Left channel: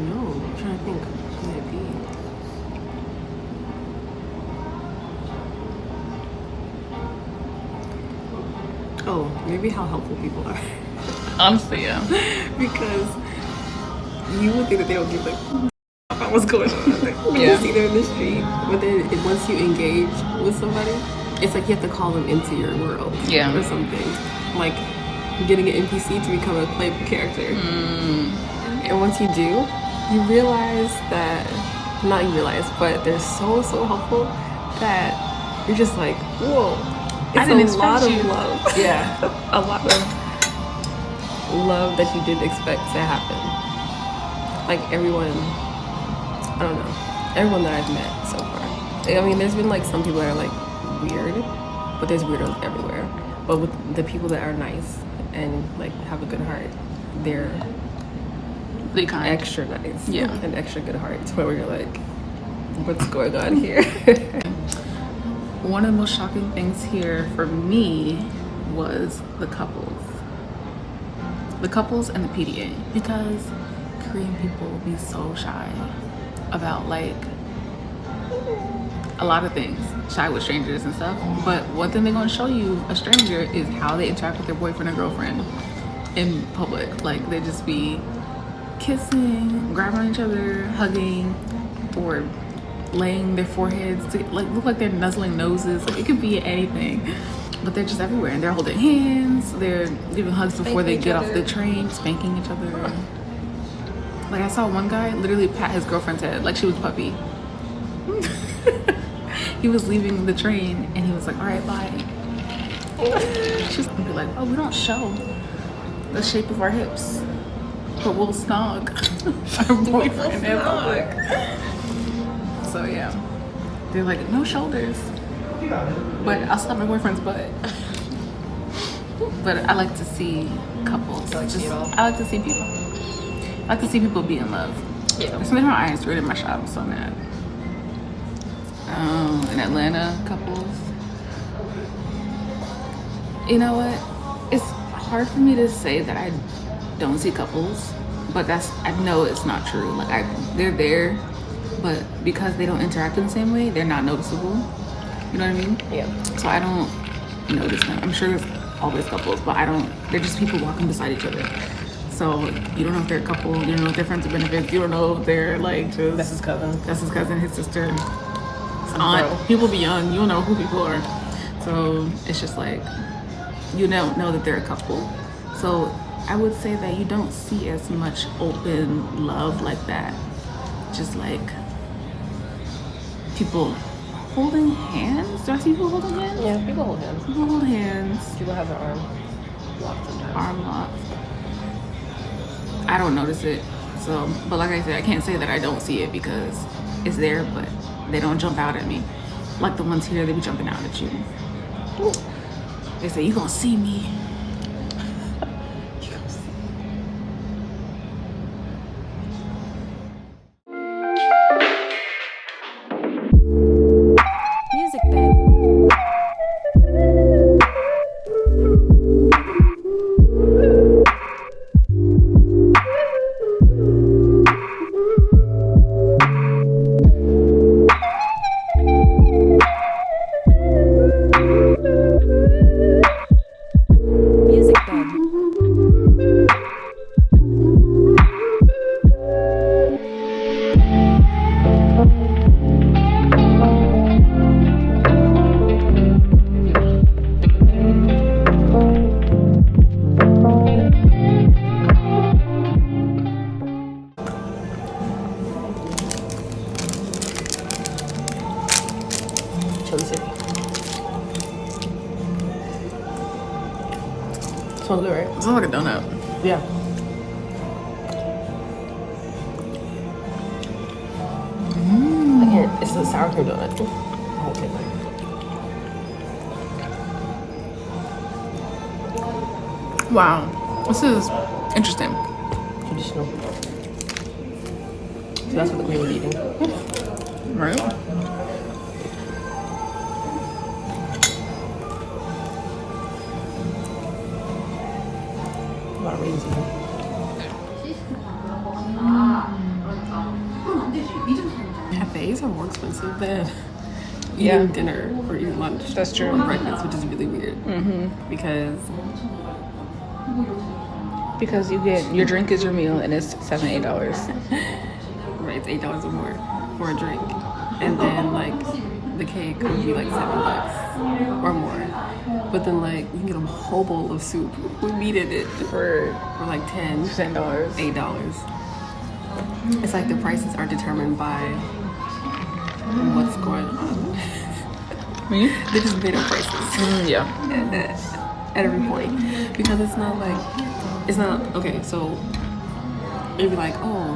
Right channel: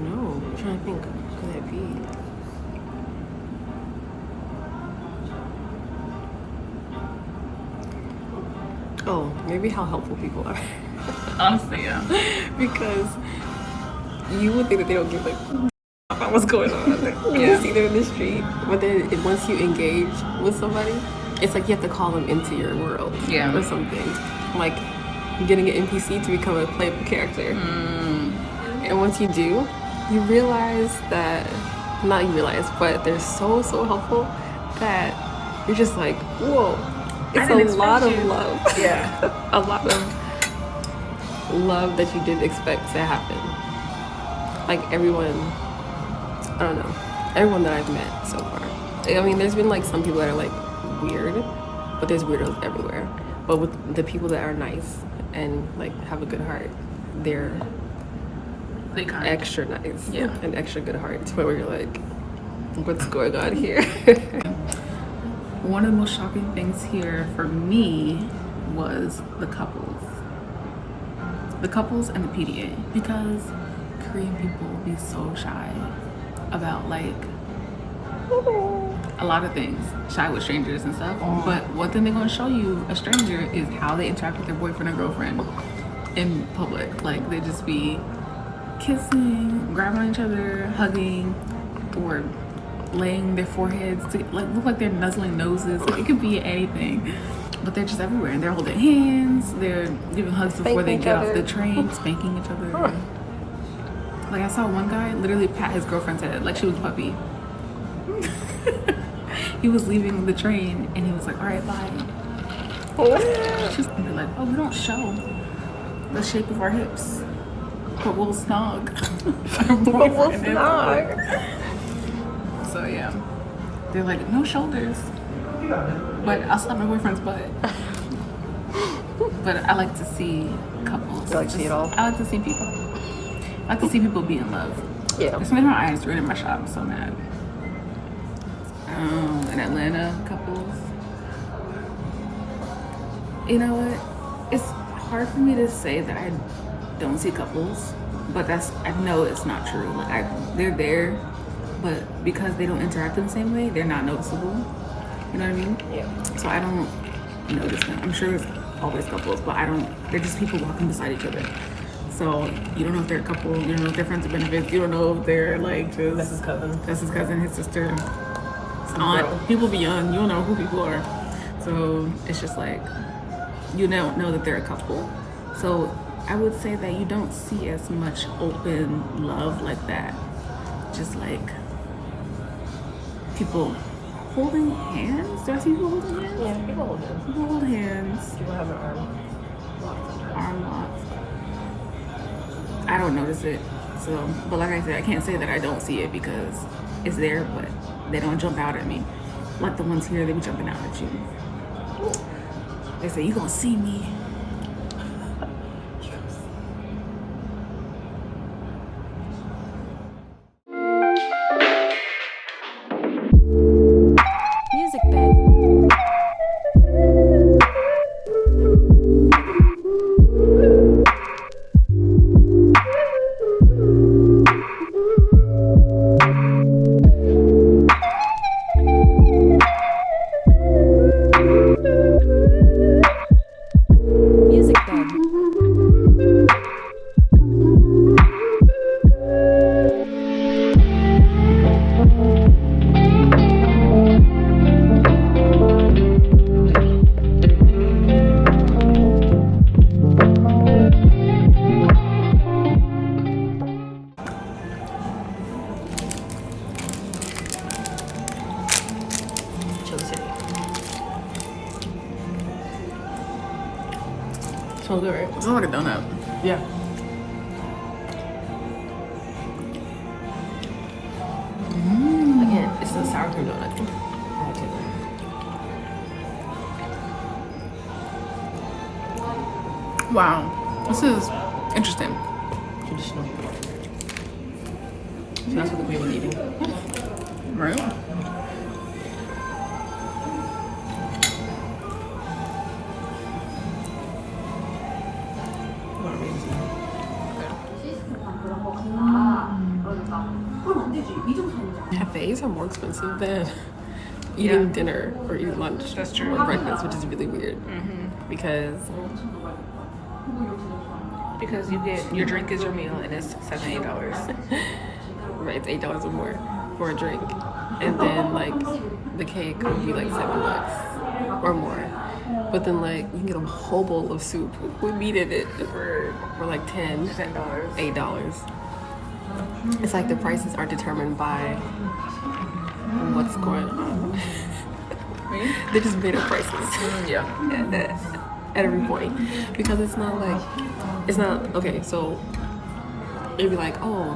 don't know. I'm trying to think. Who could it be? Oh, maybe how helpful people are. Honestly, yeah. Because you would think that they don't give like about what's going on. Like, when Yeah. you see them in the street, but then once you engage with somebody, it's like you have to call them into your world, Yeah. or something. Like getting an NPC to become a playable character. And once you do, you realize that, not you realize, but they're so helpful that you're just like, whoa, it's a lot of love. Yeah. A lot of love that you didn't expect to happen. Like everyone, I don't know, everyone that I've met so far. I mean, there's been like some people that are like weird, but there's weirdos everywhere. But with the people that are nice and like have a good heart, they're extra nice, and extra good heart, to where you're like, what's going on here? One of the most shocking things here for me was the couples and the PDA, because Korean people be so shy about like a lot of things, shy with strangers and stuff. But one thing they're gonna show you, a stranger, is how they interact with their boyfriend or girlfriend in public. Like they just be kissing, grabbing on each other, hugging, or laying their foreheads to like look like they're nuzzling noses. Like it could be anything, but they're just everywhere, and they're holding hands, they're giving hugs before they get off the train, spanking each other. Like I saw one guy literally pat his girlfriend's head like she was a puppy. He was leaving the train and he was like, all right, bye. She's gonna be like, oh, we don't show the shape of our hips, but we'll snog our boyfriend in public. So yeah, they're like, no shoulders, but I'll slap my boyfriend's butt. But I like to see couples. I like to see people. I like to see people be in love. Yeah. There's something in my eyes right in my shop. I'm so mad. In Atlanta, couples. You know what? It's hard for me to say that I don't see couples, but I know it's not true. Like they're there, but because they don't interact in the same way, they're not noticeable. You know what I mean? Yeah. So I don't notice them. I'm sure there's always couples, but they're just people walking beside each other. So you don't know if they're a couple, you don't know if they're friends with benefits, you don't know if they're like just... That's his cousin, his sister, his aunt. People be young, you don't know who people are. So it's just like, you don't know that they're a couple. So I would say that you don't see as much open love like that. Just like people holding hands. Do I see people holding hands? Yeah, people hold hands. People hold hands. People have their Arm lock. I don't notice it. So, but like I said, I can't say that I don't see it because it's there, but they don't jump out at me. Like the ones here, they be jumping out at you. They say, you gonna see me. Music bed. Music bed. Smells good, right? It smells like a donut. Yeah. It's a sour cream donut. I like it. Wow, this is interesting. Traditional. So that's what the queen was eating. Right? Not really. cafes are more expensive than eating dinner or eating lunch. That's true. Or breakfast, which is really weird. Because you get your drink is your meal and it's $7-8. right, it's $8 or more for a drink, and then like the cake would be like $7 or more. But then like you can get a whole bowl of soup with meat in it for like $10, $8. It's like the prices are determined by what's going on. They just made up prices. Yeah. At every point, because it's not okay. So it'd be like, oh,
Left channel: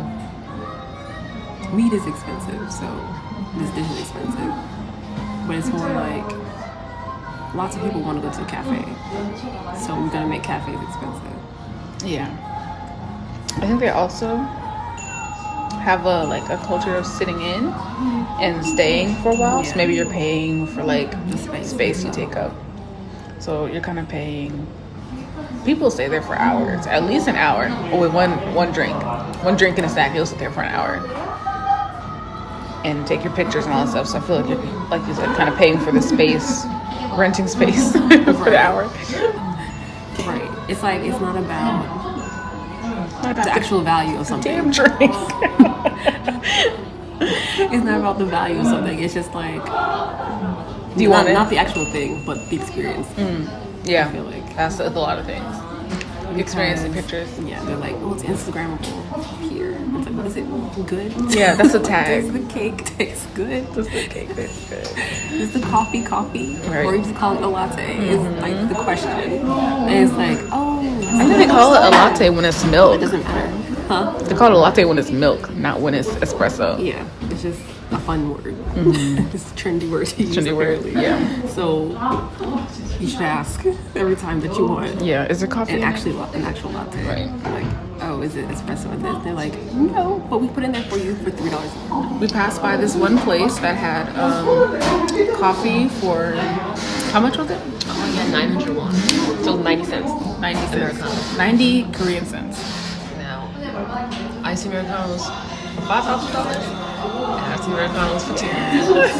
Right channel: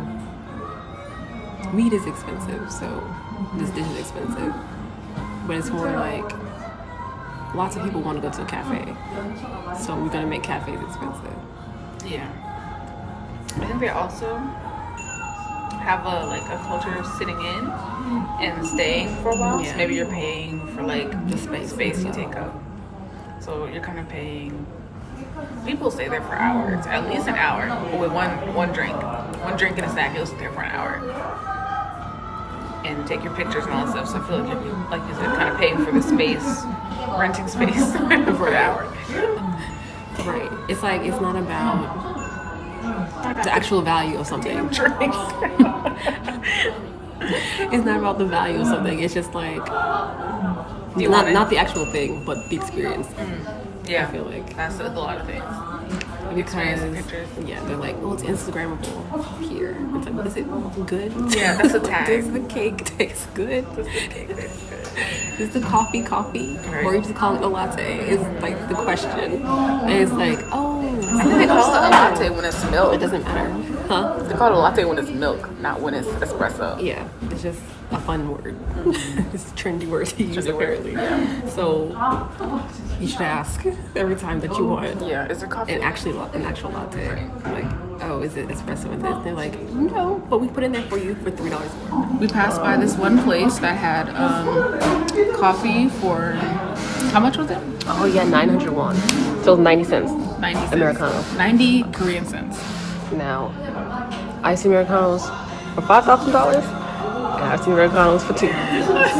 meat is expensive, so this dish is expensive. But it's more like lots of people want to go to a cafe, so we're gonna make cafes expensive. Yeah. I think they also have a culture of sitting in and staying for a while. Yeah. So maybe you're paying for like The space to take up. So you're kind of paying. People stay there for hours, at least an hour. Or with one drink and a snack, you'll sit there for an hour and take your pictures and all that stuff. So I feel like you're kind of paying for the space, renting space for an hour. Right. It's like it's not about the actual value of something. Drink. It's not about the value of something. It's just like not the actual thing, but the experience. Yeah, I feel like that's a lot of things. because Pictures. yeah, they're like, oh, it's Instagrammable here. It's like, what is it? Good? Yeah, that's a Like, tag. does the cake taste good? Is the coffee? Right. Or you just call it a latte? Is like the question. And it's like, oh, I think they call it a latte when it's milk. It doesn't matter, huh? They call it a latte when it's milk, not when it's espresso. Yeah, it's just a fun word. It's a trendy word to use, Trendy word, apparently. yeah. So you should ask every time that you want Yeah, is it coffee? an actual latte. Right. Like, oh, is it espresso in this? They're like, no, but we put in there for you for $3 more. We passed by this one place that had coffee for, how much was it? Oh yeah, 900 won. So 90 cents. 90 cents. Americano. 90 Korean cents. Now, iced Americanos for $5,000 and iced Americanos for 2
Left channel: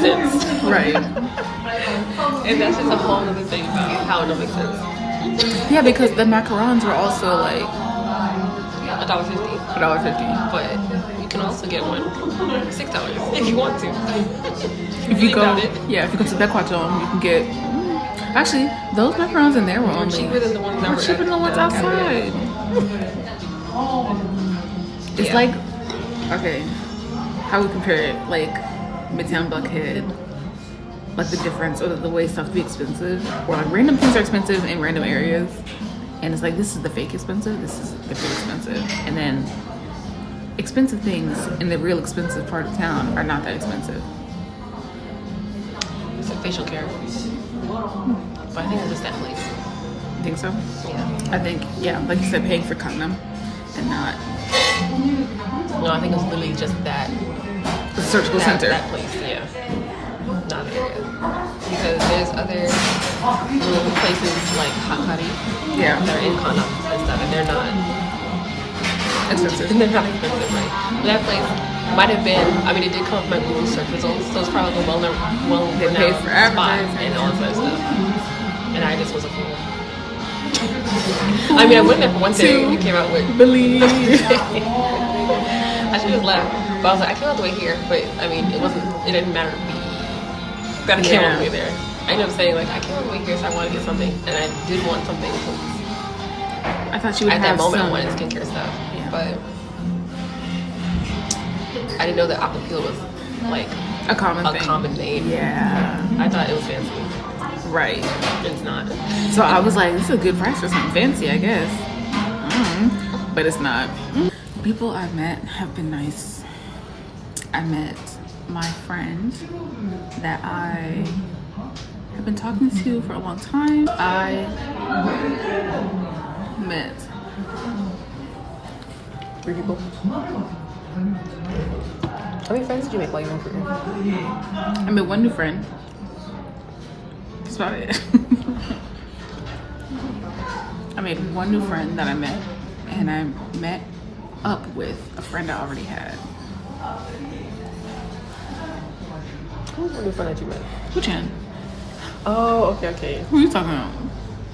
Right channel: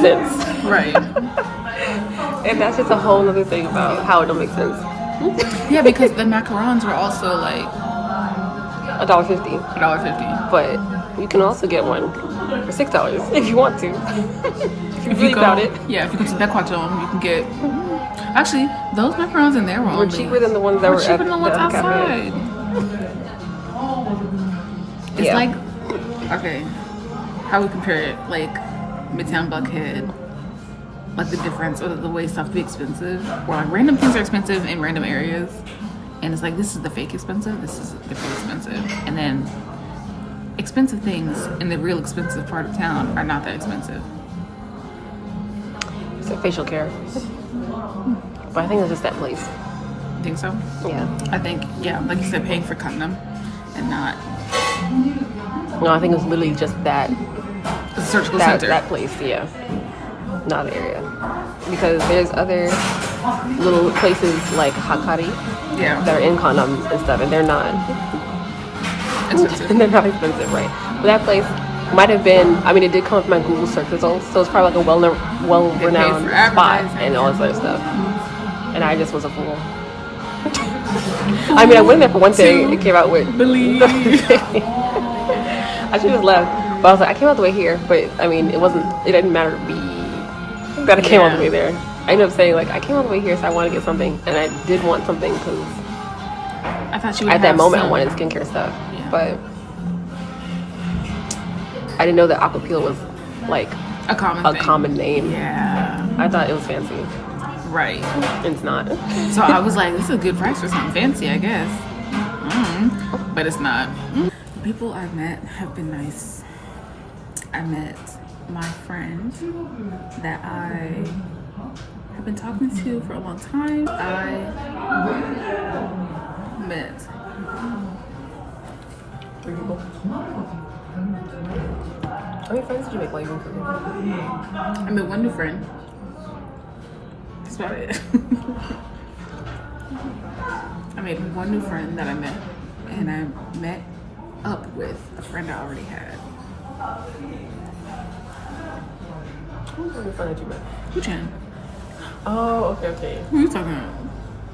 cents. Right. And that's just a whole other thing about how it don't make sense. Yeah, because the macarons were also like $1.50. $1.50. But you can also get one for $6 if you want to. If you go, doubt it. yeah, if you go to black+girl+korea, you can get. Actually, those macarons in there were They're only cheaper than the ones that were were cheaper than the ones at outside. It's Yeah. like, okay, how we compare it, like Midtown Buckhead, like the difference or the way stuff be expensive, or like random things are expensive in random areas, and it's like this is the fake expensive, this is the real expensive, and then expensive things in the real expensive part of town are not that expensive. It's a facial care. But I think it was just that place. You think so? Yeah. I think, yeah, like you said, paying for Cottenham and not No, I think it was literally just that. the surgical center. That place, yeah. Not the area. Because there's other little places like Hakari Yeah, that are in condoms and stuff, and they're not expensive. they're not expensive, right? But that place might have been, I mean, it did come with my Google search results, so it's probably like a well-renowned They paid for spot advertising, and all that sort of stuff. And I just was a fool. I mean, I went there for one thing and you came out with. Believe. I should have left, but I was like, I came all the way here, but I mean, it didn't matter that I came all the way there. I ended up saying, like, I came all the way here, so I want to get something, and I did want something. I thought you would At have that moment, some. I wanted skincare stuff, Yeah. but I didn't know that Aquapil was like a common a thing. common name. Yeah, I thought it was fancy. right. It's not. So I was like, this is a good price for something fancy, I guess. But it's not. People I've met have been nice. I met my friend that I have been talking to for a long time. I met. How many friends did you make later? I met one new friend. That's about it. I made one new friend that I met, and I met up with a friend I already had. Who's the friend that you met? Wuchan. Oh, okay. Who are you talking about?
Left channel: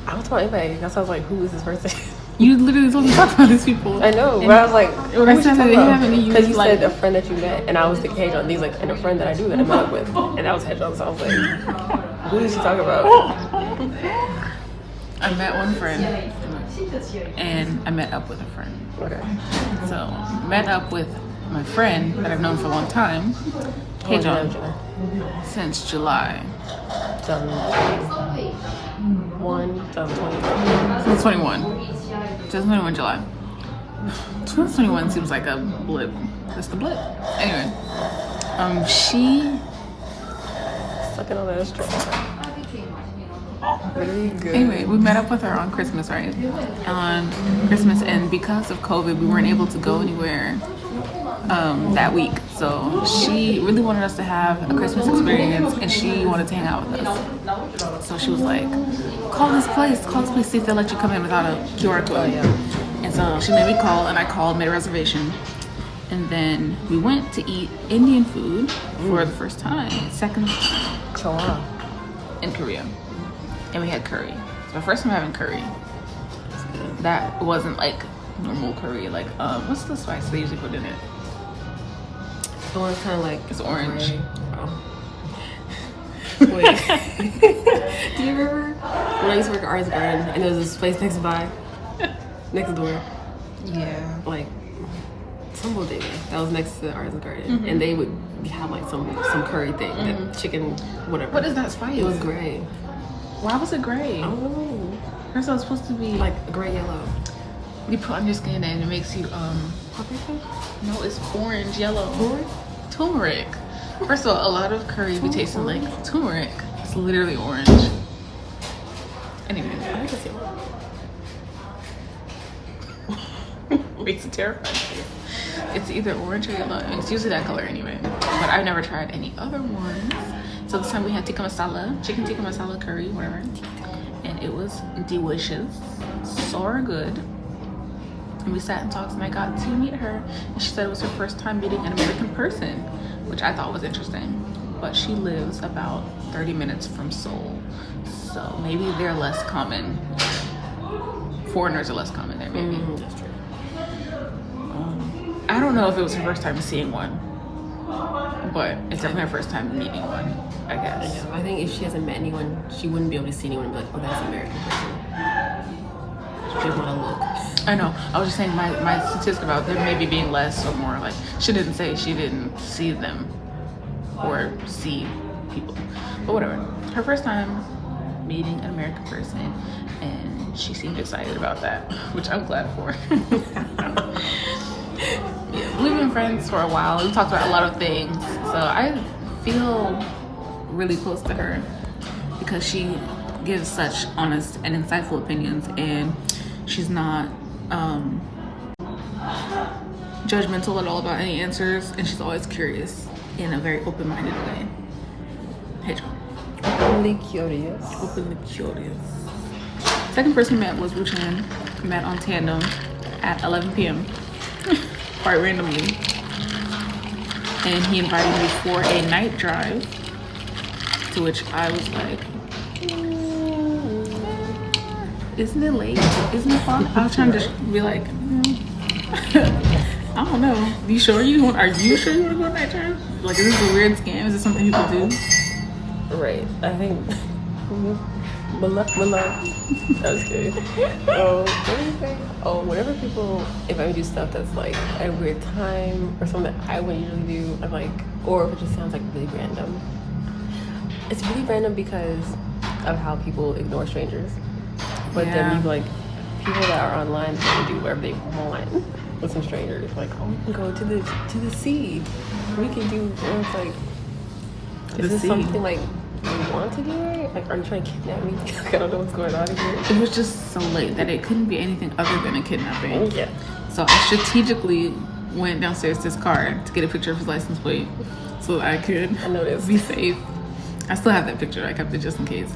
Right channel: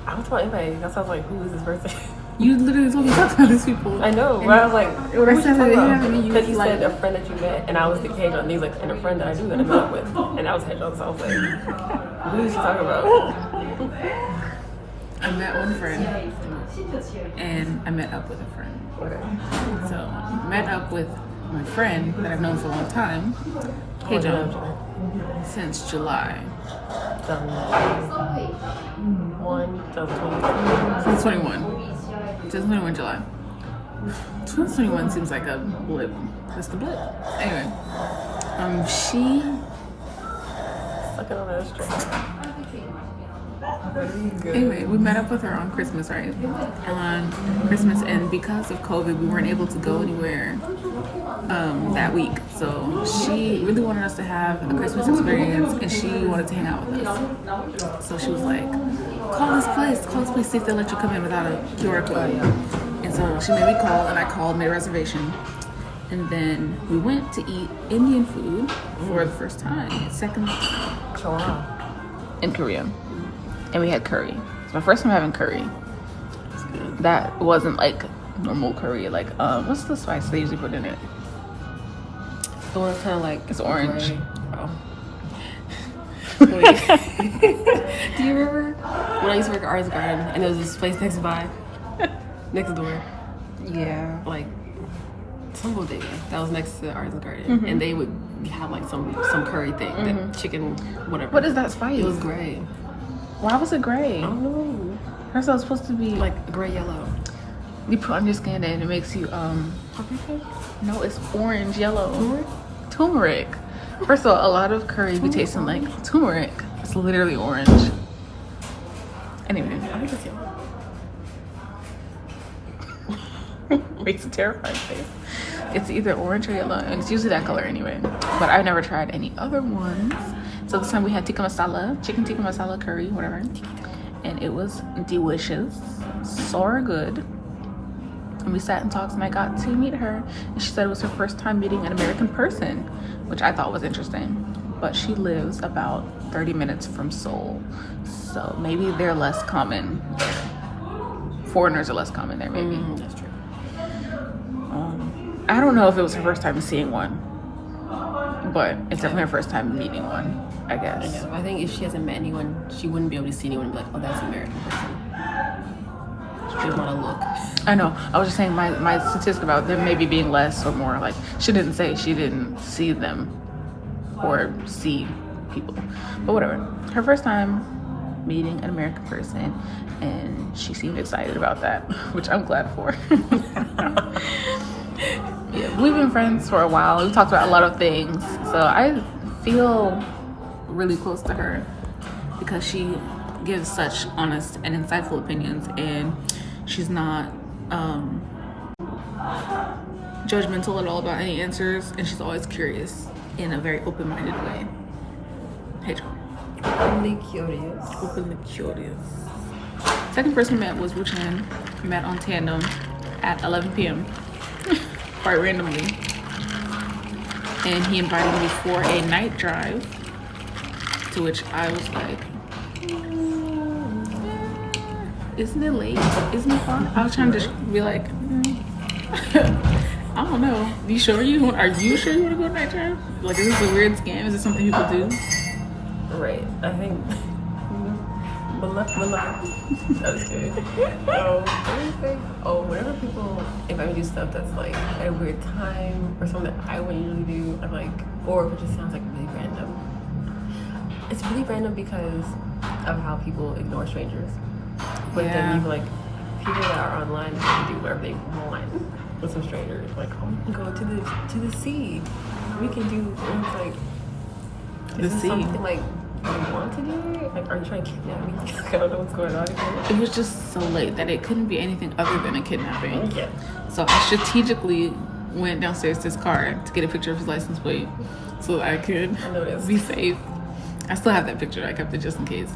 I was talking anyway. That's why I was like, who is this person? You literally told me to talk about these people. I know, And but I was like, when I said that they haven't, you because was you like, said a friend that you met, and I was thinking, hey, these like, and a friend that I knew that I met with, and that was Hedgehog. So I was like, who is she talking about? I met one friend, and I met up with a friend. Okay. So, met up with my friend that I've known for a long time, Hey John, since July. 2021. 2021 July. 2021 seems like a blip. Just a blip. Anyway, she. Sucking on that string. Anyway, we met up with her on Christmas, right? On Christmas, and because of COVID, we weren't able to go anywhere that week. So she really wanted us to have a Christmas experience, and she wanted to hang out with us. So she was like, call this place, see if they'll let you come in without a QR code. And so she made me call, and I called, made a reservation. And then we went to eat Indian food for the first time, second time in Korea. And we had curry. It's my first time having curry. That wasn't like normal curry. Like, what's the spice they usually put in it? The one that's kind of like It's orange. gray. Oh. Wait. Do you remember when I used to work at Artist Garden and there was this place next door? Yeah. Like some bodega that was next to the Artist Garden, and they would have like some curry thing, that chicken, whatever. What is that spice? It was gray. Why was it gray? I don't know. First of all, it's supposed to be Like gray yellow. you put on your skin and it makes you Paprika? no, it's orange yellow. Turmeric? Turmeric. First of all, a lot of curry be tasting like turmeric. It's literally orange. Anyway, I think it's yellow. makes it terrifying. It's either orange or yellow, and it's usually that color anyway. But I've never tried any other ones. So this time we had tikka masala, chicken tikka masala curry, whatever, and it was delicious, so good. And we sat and talked, and I got to meet her, and she said it was her first time meeting an American person, which I thought was interesting. But she lives about 30 minutes from Seoul, so maybe they're less common. Foreigners are less common there, maybe. That's true. I don't know if it was her first time seeing one, but it's definitely her first time meeting one, I guess. Yeah, I think if she hasn't met anyone, she wouldn't be able to see anyone and be like, oh, that's an American person. She's not a look. I know. I was just saying my statistic about them maybe being less or more. Like, she didn't say she didn't see them or see people. But whatever. Her first time meeting an American person, and she seemed excited about that, which I'm glad for. We've been friends for a while. We talked about a lot of things. So I feel really close to her because she gives such honest and insightful opinions, and she's not judgmental at all about any answers, and she's always curious in a very open-minded way. Hey, John. Openly curious. Openly curious. Second person we met was Wuchan. Met on Tandem at 11 p.m. quite randomly, and he invited me for a night drive, to which I was like, isn't it late? Isn't it fun? I was trying to just be like, I don't know. Are you sure you want to go on a night drive? Like, is this a weird scam? Is this something people do? Right. I think. That's good. Whenever people, if I do stuff that's like at a weird time or something that I wouldn't really do, I'm like, or if it just sounds like really random. It's really random because of how people ignore strangers. But then like people that are online, they can do whatever they want with some strangers. Like, oh, we can go to the sea. We can do, and it's like, The is this sea. something like you want to do? Like, are you trying to kidnap me? I don't know what's going on here. It was just so late that it couldn't be anything other than a kidnapping. Yeah. So I strategically went downstairs to his car to get a picture of his license plate so that I could be safe. I still have that picture. I kept it just in case.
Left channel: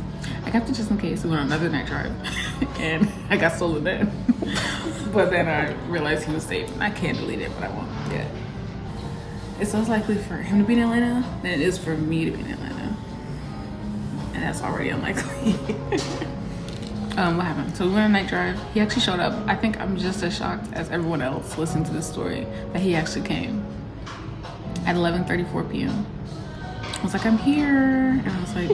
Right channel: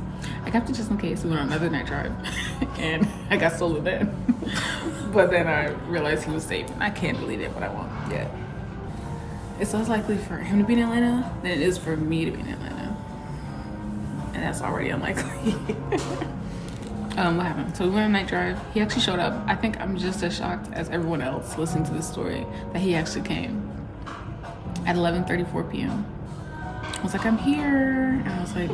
We went on another night drive and I got stolen then. But then I realized he was safe and I can't delete it, but I won't. Yeah. it's less likely for him to be in Atlanta than it is for me to be in Atlanta. And that's already unlikely. What happened? So we went on a night drive. He actually showed up. I think I'm just as shocked as everyone else listening to this story that he actually came at 11:34 p.m. I was like, I'm here. And I was like,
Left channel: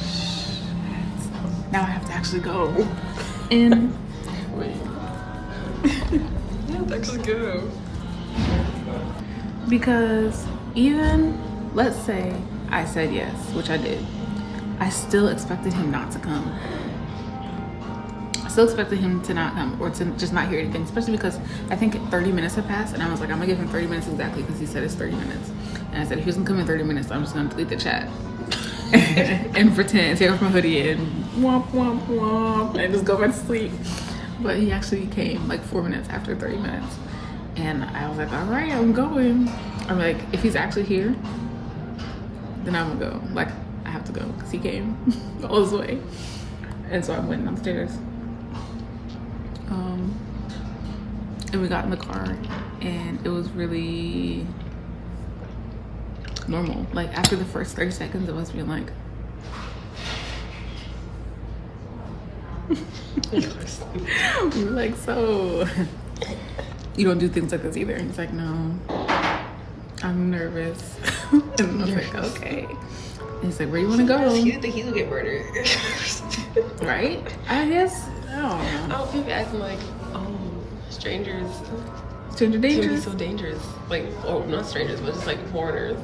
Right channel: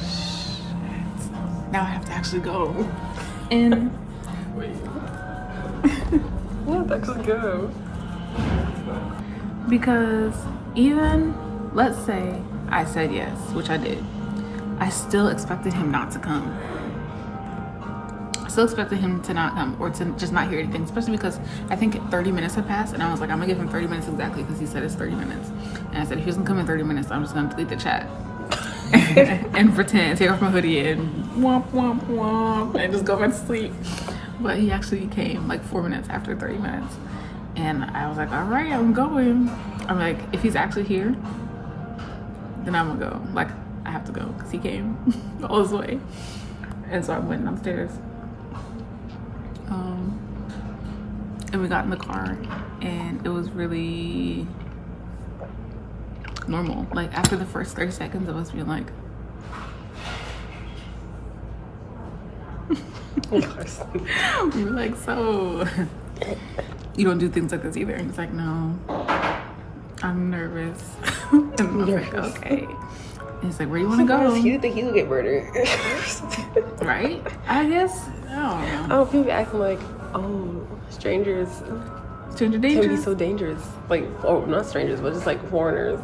shit. Now I have to actually go. And Wait. Yeah, that's actually good. Because even, let's say I said yes, which I did, I still expected him not to come. I still expected him to not come or to just not hear anything, especially because I think 30 minutes had passed and I was like, I'm gonna give him 30 minutes exactly because he said it's 30 minutes. And I said, if he doesn't come in 30 minutes, I'm just gonna delete the chat and pretend, take off my hoodie and womp, womp, womp, and just go back to sleep. But he actually came like 4 minutes after 30 minutes. And I was like, all right, I'm going. I'm like, if he's actually here, then I'm gonna go. Like, I have to go because he came all this way. And so I went downstairs. And we got in the car and it was really normal. Like after the first 30 seconds of us being like, we were like, so you don't do things like this either? And he's like, no, I'm nervous. And I was like, okay. And he's like, where do you want to go? You think he would get murdered? Right? I guess, I don't know. Oh, people acting like, strangers Stranger can be danger? so dangerous. Like, not strangers, but just like foreigners.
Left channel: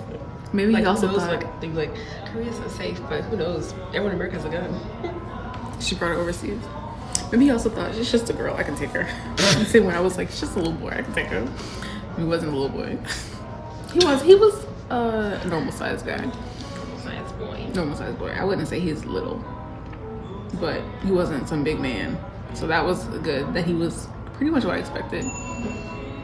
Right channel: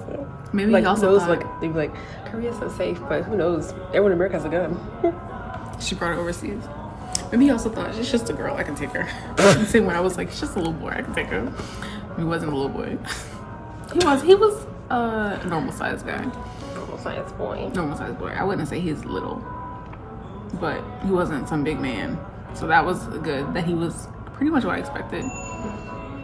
Maybe Like, he also knows, thought like, they'd be like, Korea's so safe, but who knows? Everyone in America has a gun. she brought her overseas. Maybe he also thought, she's just a girl, I can take her. The same way I was like, she's just a little boy, I can take her. He wasn't a little boy. He was a normal sized guy. Science boy. Normal sized boy. I wouldn't say he's little, but he wasn't some big man. So that was good, that he was pretty much what I expected.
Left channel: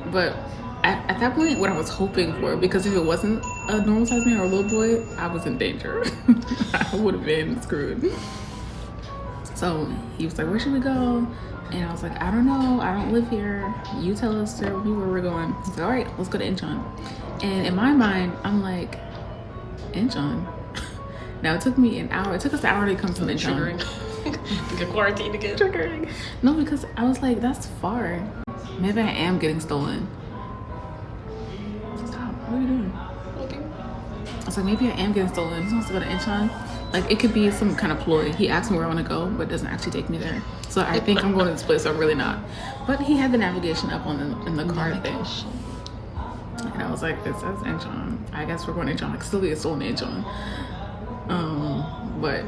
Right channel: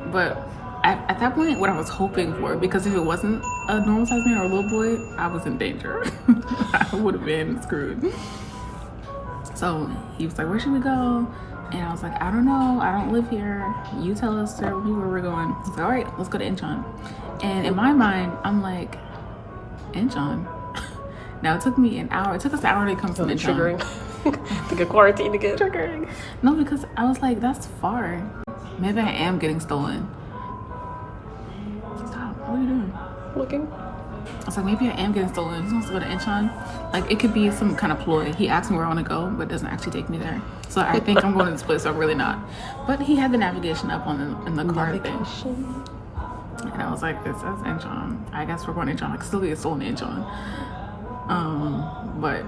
But at that point, what I was hoping for, because if it wasn't a normal sized man or a little boy, I was in danger. I would have been screwed. So he was like, where should we go? And I was like, I don't know, I don't live here. You tell us where we're going. He's like, all right, let's go to Incheon. And in my mind, I'm like, Incheon? Now it took me an hour. It took us an hour to come from Incheon. To get quarantined again. Triggering. No, because I was like, that's far. Maybe I am getting stolen. Stop. What are you doing? Looking. I was like, maybe I am getting stolen. He wants to go to Incheon. Like, it could be some kind of ploy. He asked me where I want to go, but doesn't actually take me there. So I think I'm going to this place, so I'm really not. But he had the navigation up on in the car thing. And I was like, it says Incheon. I guess we're going to Incheon. I could still get stolen in Incheon. But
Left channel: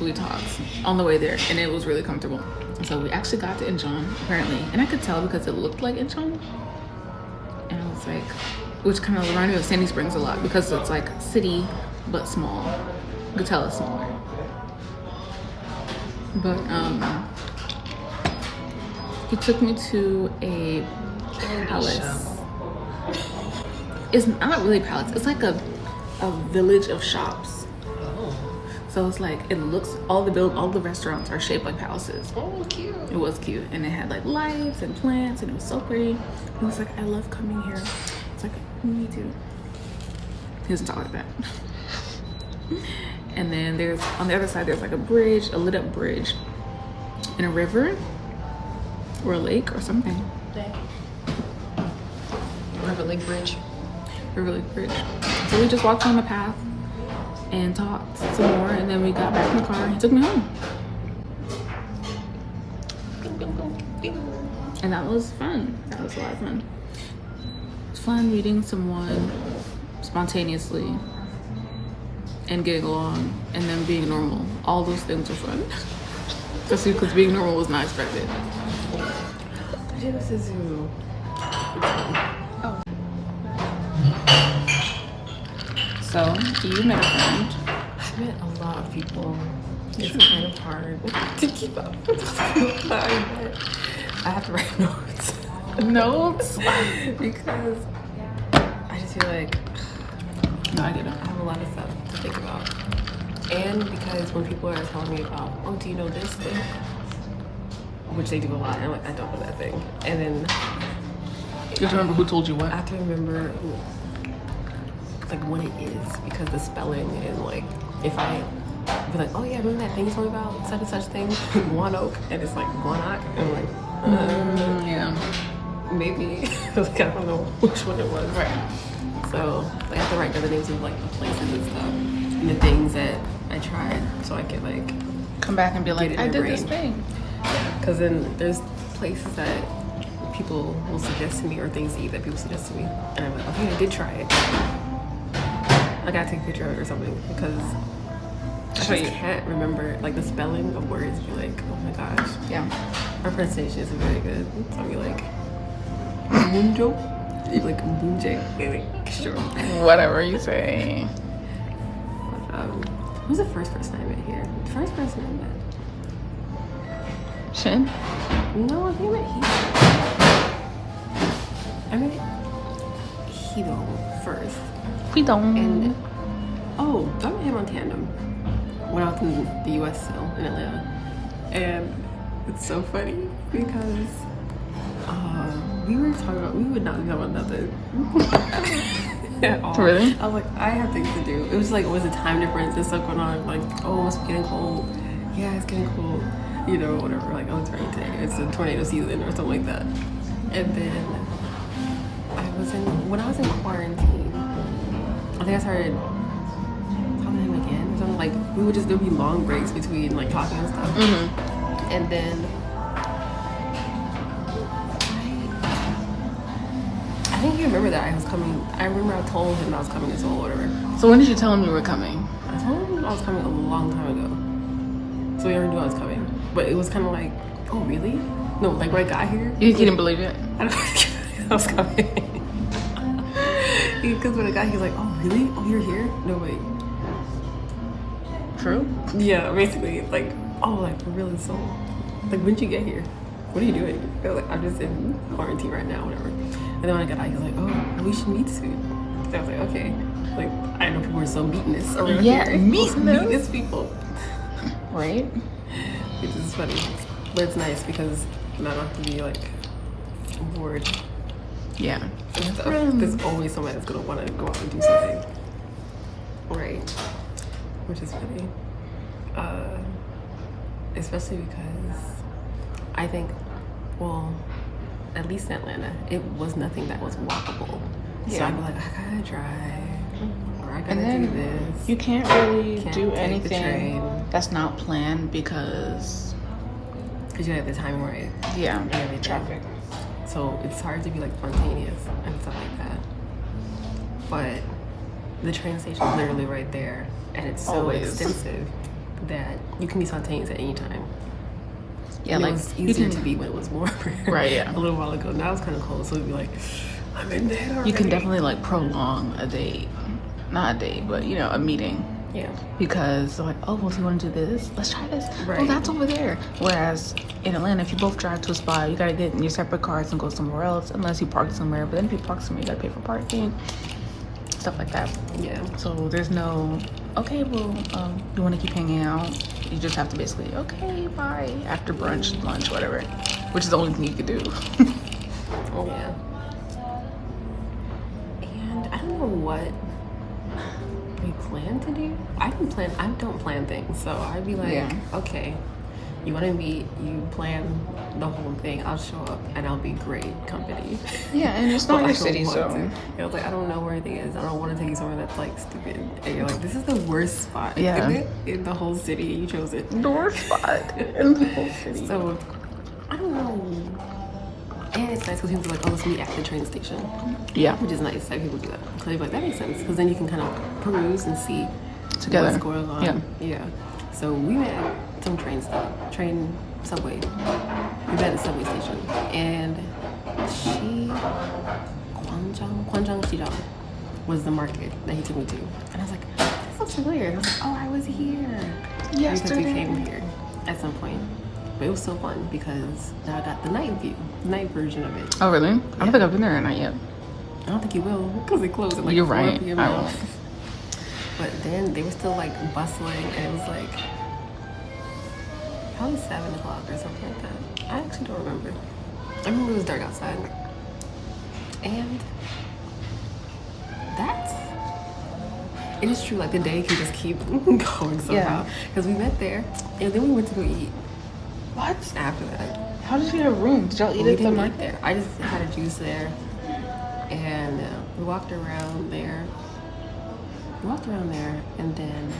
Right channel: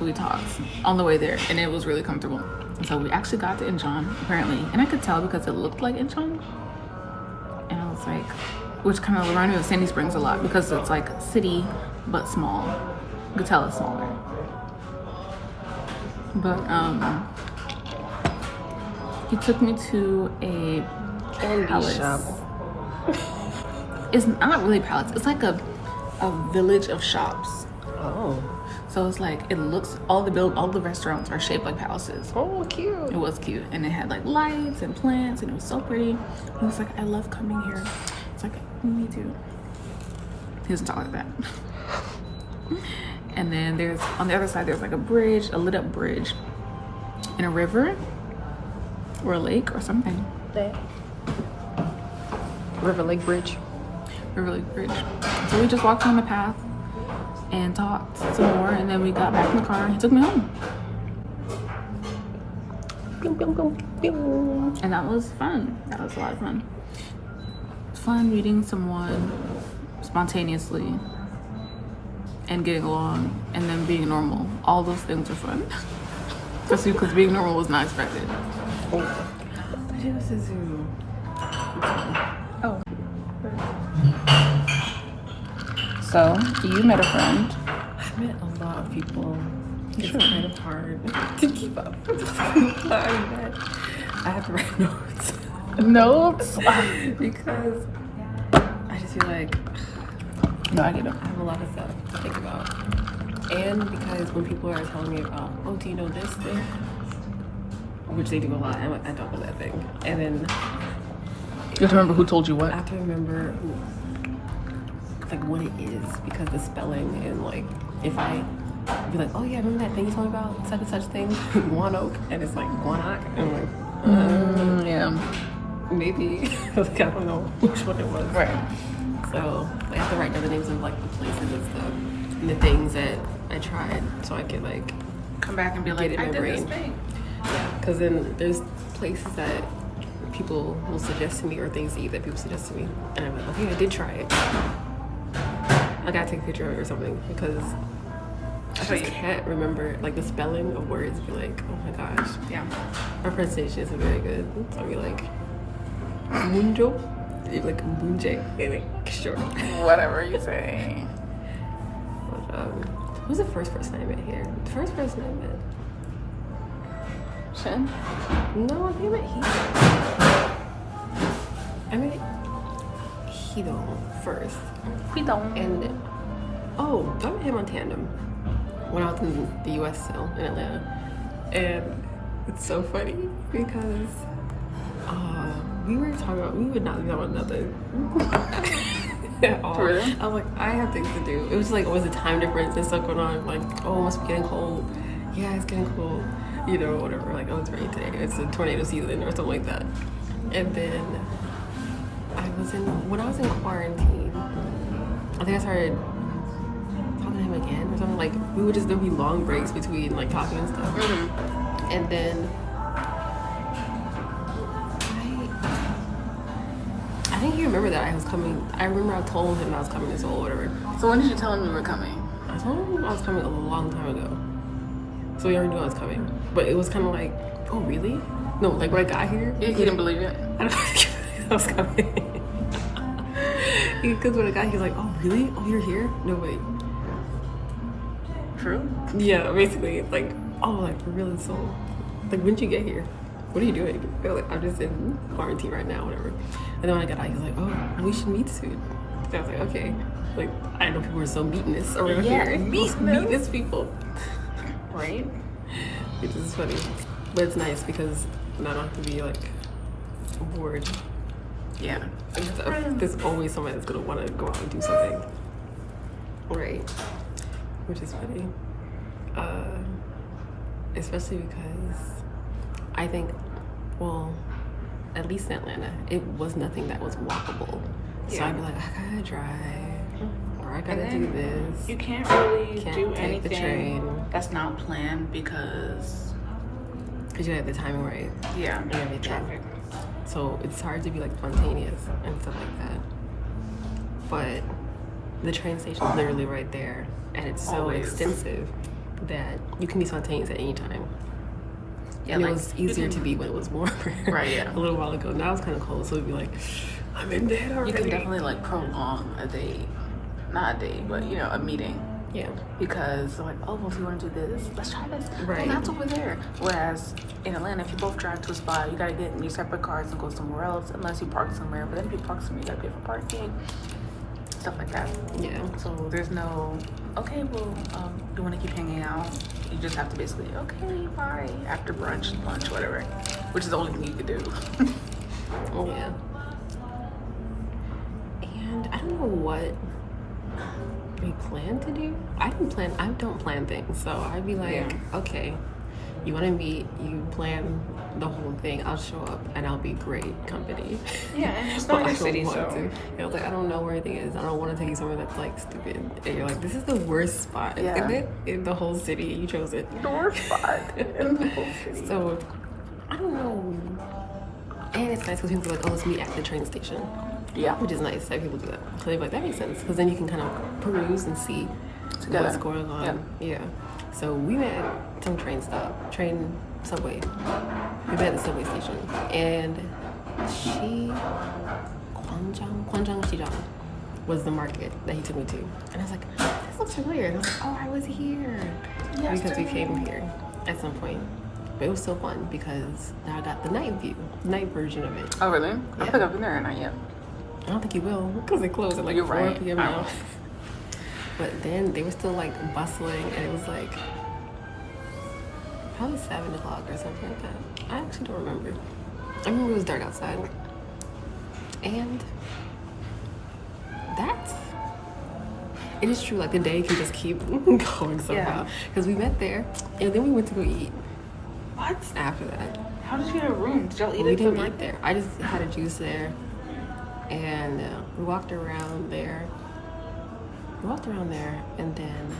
we talked on the way there, and it was really comfortable. So we actually got to Incheon, apparently. And I could tell because it looked like Incheon. And I was like, which kind of reminded me of Sandy Springs a lot, because it's like city, but small. You could tell it's smaller. But he took me to a palace. It's not really a palace. It's like a village of shops. Oh. So it's like, it looks, all the restaurants are shaped like palaces. Oh, cute. It was cute, and it had like lights and plants, and it was so pretty. He was like, I love coming here. It's like, me too. He doesn't talk like that. And then there's, on the other side, there's like a bridge, a lit up bridge, and a river or a lake or something. Okay. River Lake Bridge. River Lake Bridge. So we just walked on the path and talked some more, and then we got back in the car and he took me home. And that was fun. That was a lot of fun. It's fun meeting someone spontaneously and getting along, and then being normal. All those things are fun. Especially because being normal was not expected. This is you. So, you met a friend. I met a lot of people. It's kind of hard to keep up. I have to write notes. Notes? Because I just feel like No, I didn't. I have a lot of stuff to think about. And because when people are telling me about, oh, do you know this thing? Which they do a lot. I'm like, I don't know that thing. And then You have to remember who told you what? I have to remember who, like what it is, because the spelling and like if I be like, oh yeah, remember that thing you told me about such and such thing, guanoke, and it's like guanac, and I'm like, Yeah. maybe like I don't know which one it was. Right. So I have to write down the names of like the places and stuff and the things that I tried, so I could like Come back and be like, get it I in did my this brain. thing. Yeah, because then there's places that people will suggest to me or things to eat that people suggest to me, and I'm like, okay, I did try it. I gotta take a picture of it or something because I just can't remember like the spelling of words. Be like, oh my gosh, Yeah. our pronunciation isn't very good. So I'll be like, munjo, like bunje. Anyway, sure. Whatever you say. But, who's the first person I met here? The first person I met. Shin? No, I think I met Hito. I met Hito first. He don't. And, oh, I met him on tandem when I was in the US still, in Atlanta. And it's so funny because we would not be talking about nothing at all. Really? I was like, I have things to do. It was like, always a time difference and stuff going on. Like, oh, it must be getting cold. Yeah, it's getting cold. You know, whatever. Like, oh, it's raining today. It's a tornado season or something like that. And then when I was in quarantine, I think I started talking to him again or something. Like, there'd be long breaks between like talking and stuff. And then I think he remembered that I was coming. I remember I told him I was coming to Seoul or whatever. So when did you tell him you were coming? I told him I was coming a long time ago. So he already knew I was coming. But it was kind of like, oh, really? No, like when I got here. You didn't believe it? I don't think I was coming. Because when I got here, he was like, oh, really? Oh, you're here? No, wait. True. Yeah, basically. It's like, oh, like, for real in Seoul. Like, when did you get here? What are you doing? I was like, I'm just in quarantine right now, whatever. And then when I got out, he was like, oh, we should meet soon. So I was like, okay. Like, I know people are so meatinous around here. Meatinous people. Right? Which is funny. But it's nice because then I don't have to be, like, bored. Yeah. And stuff. There's always somebody that's gonna want to go out and do something. Right. Which is funny. Especially because I think, well, at least in Atlanta, it was nothing that was walkable. So I'd be like, I gotta drive, or I gotta do this. You can't really Can't do take anything the train. that's not planned because Because you have the timing right yeah, and everything. traffic. So it's hard to be like spontaneous and stuff like that. But the train station is literally right there, and it's so Always. extensive that you can be spontaneous at any time. Yeah, And like, it was you easier can- to be when it was warmer. Right, yeah. A little while ago. Now it's kind of cold, so it'd be like, I'm in bed already. You can definitely like prolong a date, not a date, but you know, a meeting. Yeah. Because like, oh, well, you want to do this? Let's try this. Right. Oh, that's over there. Whereas in Atlanta, if you both drive to a spot, you gotta get in your separate cars and go somewhere else, unless you park somewhere. But then if you park somewhere, you gotta pay for parking, stuff like that. Yeah. So there's no, okay, well, you want to keep hanging out? You just have to basically, okay, bye, after brunch, lunch, whatever. Which is the only thing you can do. Yeah. And I don't know what we plan to do. I don't plan things. So I'd be like, Yeah. okay, you want to meet, you plan the whole thing. I'll show up and I'll be great company. Yeah, and it's But not I your don't city, want so. to. Yeah, I was like, I don't know where anything is. I don't want to take you somewhere that's like stupid. And you're like, this is the worst spot, Yeah. isn't it? In the whole city. You chose it. The worst spot. So, I don't know. And it's nice because people are like, oh, let's meet at the train station. Yeah. Which is nice that people do that. Because they're like, that makes sense. Because then you can kind of peruse and see Together. what's going on. Yeah. So we met at some subway. We met at the subway station. And Kwanjang Shijang was the market that he took me to. And I was like, this looks familiar. And I was like, oh, I was here. Yes, Because we came here at some point. But it was still fun because now I got the night version of it. Oh, really? I don't think I've been there or not yet. I don't think you will because they close at like You're 4 right. p.m. now. Oh. But then they were still like bustling and it was like probably 7 o'clock or something like that. I actually don't remember. I remember it was dark outside. And it is true, like the day can just keep going somehow. Because we met there and then we went to go eat. What? After that. How did you get a room? Did y'all eat? We didn't eat there. I just had a juice there. And we walked around there. And then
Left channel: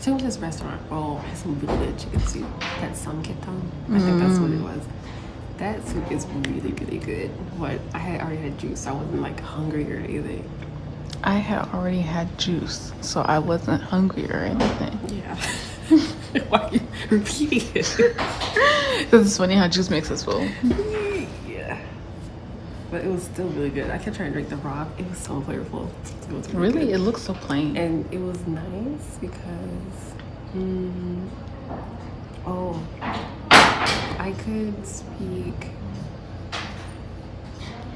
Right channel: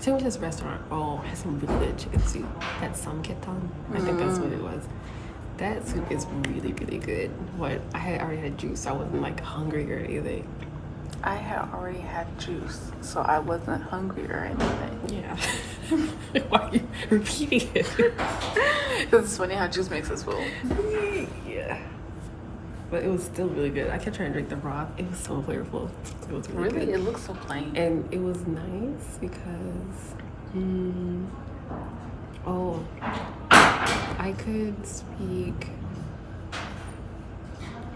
so we went to this restaurant. Oh, it has some really good chicken soup. That samgyetang. I think that's what it was. That soup is really, really good. I had already had juice, so I wasn't like hungry or anything. I had already had juice, so I wasn't hungry or anything. Yeah. Why are you repeating it? Because it's funny how juice makes us full. Yeah. But it was still really good. I kept trying to drink the broth. It was so flavorful. It was really good. It looks so plain. And it was nice because, I could speak.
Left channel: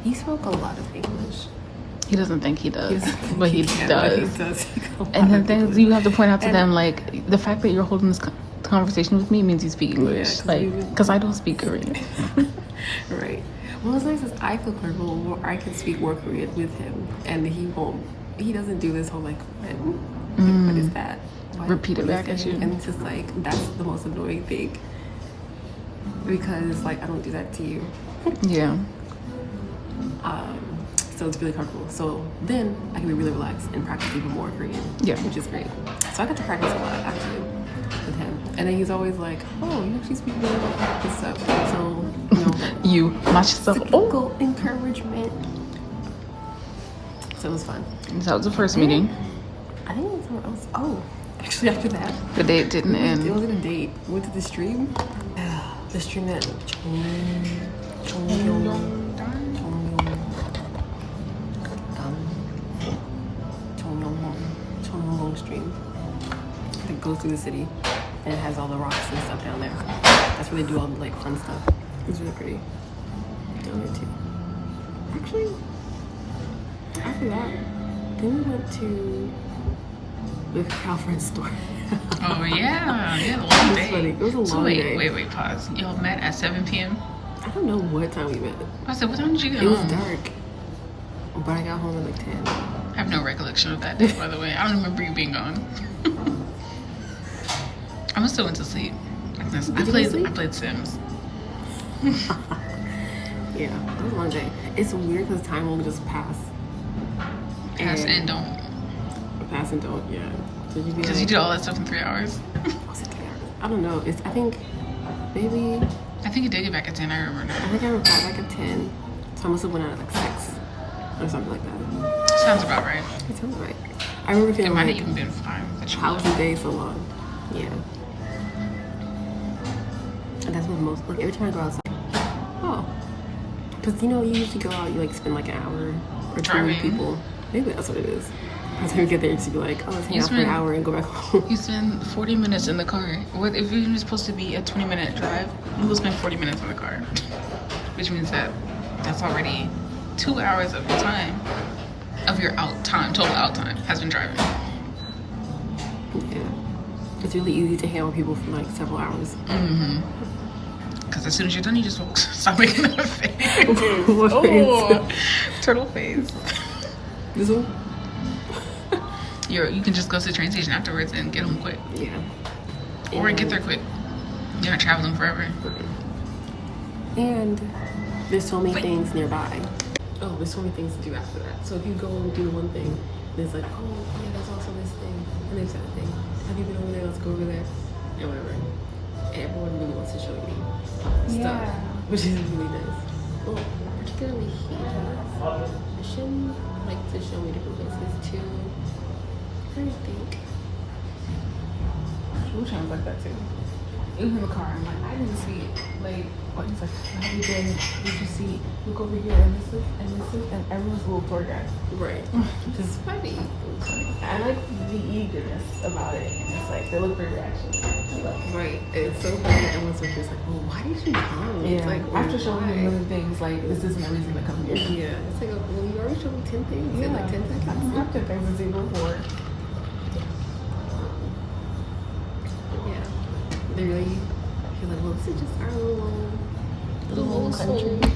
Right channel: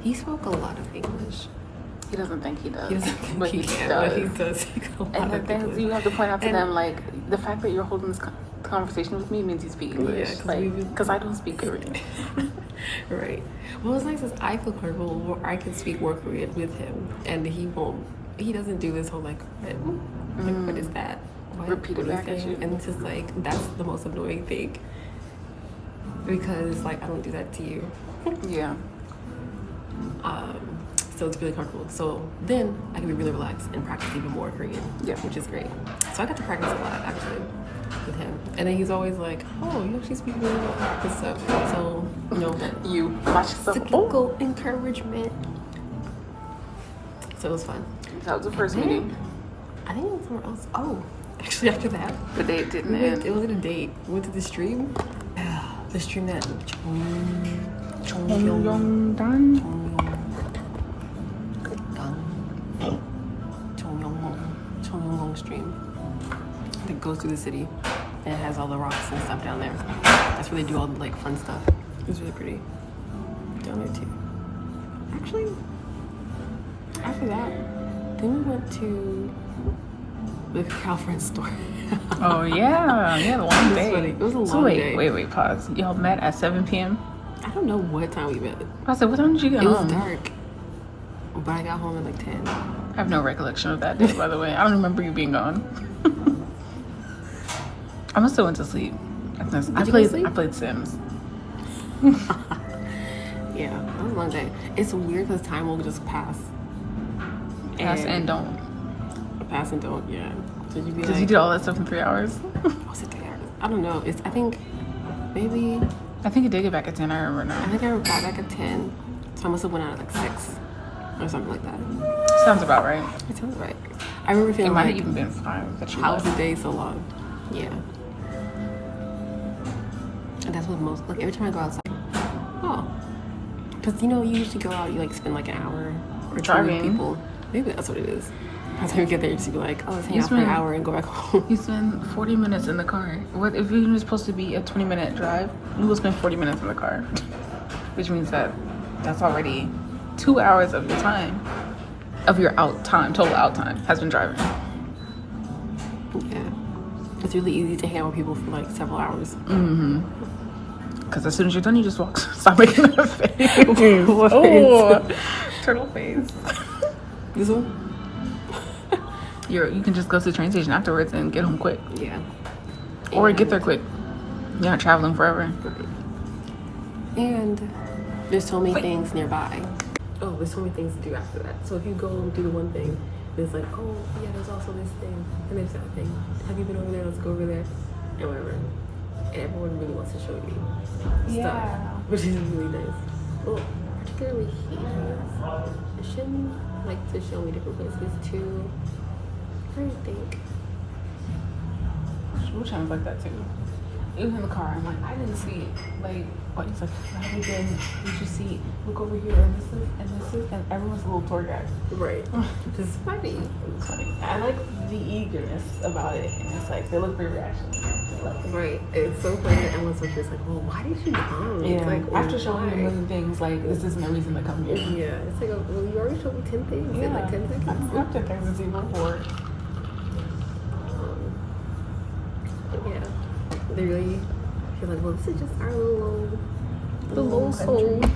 He spoke a lot of English. He doesn't think he does. He doesn't think but he can, does. but he does speak a lot And the of thing English. is, you have to point out to them, like, the fact that you're holding this conversation with me means you speak English. Yeah, because I don't speak Korean. Right. Well, what's nice is I feel comfortable where I can speak more Korean with him, and he doesn't do this whole like, what is that? Repeat what it is back at that? you. And it's just like, that's the most annoying thing. Because like, I don't do that to you. Yeah. So it's really comfortable. So then I can be really relaxed and practice even more Korean, which is great. So I got to practice a lot actually with him. And then he's always like, oh, you actually speak really well and stuff. So, that You, not yourself. cyclical encouragement. So it was fun. That was the first Then, meeting. I think it was somewhere else. Oh, actually after that, The date didn't it end. wasn't a date. We went to the stream. The stream that Jongno stream that goes through the city and it has all the rocks and stuff down there. That's where they do all the like fun stuff. It was really pretty down there too. Actually, after that, then we went to the girlfriend store. Oh, yeah. Yeah, the long day. Funny. It was a long So day. wait, pause. Y'all met at 7 p.m.? I don't know what time we met. I said, what time did you get It was home? dark, but I got home at like 10. I have no recollection of that day, by the way. I don't remember you being gone. I must have went to sleep. I you go to sleep? played Sims. Yeah, it was a long day. It's weird because time will just pass. Pass and don't. Pass and don't, yeah. So you'd be Because like, you did all that stuff in 3 hours. was it 3 hours? I don't know. I think maybe, I think you did get back at 10, I remember I now. think I got back at 10. So I must have went out at like 6 or something like that. Sounds about right. It sounds right. I remember It feeling might like, have even been 5 that you how was left. the day so long? Yeah. And that's what most, like every time I go outside, because you usually go out, you like spend like an hour or 2 with Driving. people. Maybe that's what it is. By the time you get there, you just be like, oh, let's hang You out for an spend- hour and go back home. You spend 40 minutes in the car. What if you were supposed to be a 20-minute drive? You will spend 40 minutes in the car, which means that's already 2 hours of your time, of your total out time has been driving. Yeah. It's really easy to hang out with people for like several hours. Mm-hmm. Because as soon as you're done, you just walk. Stop making that face. What Oh, turtle face. This one? You can just go to the train station afterwards and get home quick, Yeah. or And- get there quick. You're not traveling forever. Right. And there's so many things nearby. Oh, there's so many things to do after that. So if you go do the one thing, there's like, oh yeah, there's also this thing and there's that thing. Have you been over there? Let's go over there and whatever. And everyone really wants to show you stuff, which is really nice. Well, particularly he does. Shin likes to show me different places too. I think. We're trying to like that too. Even in the car, I'm like, I didn't see it. Like, what is like, how did you see? Look over here, and this is, and everyone's a little tour guide. Right. Which is funny. I like the eagerness about it. It's like they look for your reactions. Right. It's so funny that everyone's so just like, well, why did you come? Yeah. It's like, After showing me why? other things, like, is this my reason to come here? Yeah. It's like, well, you already showed me 10 things in like 10 seconds. After things is even more. Yeah. They really feel like, well, this is just our little Little soul. country.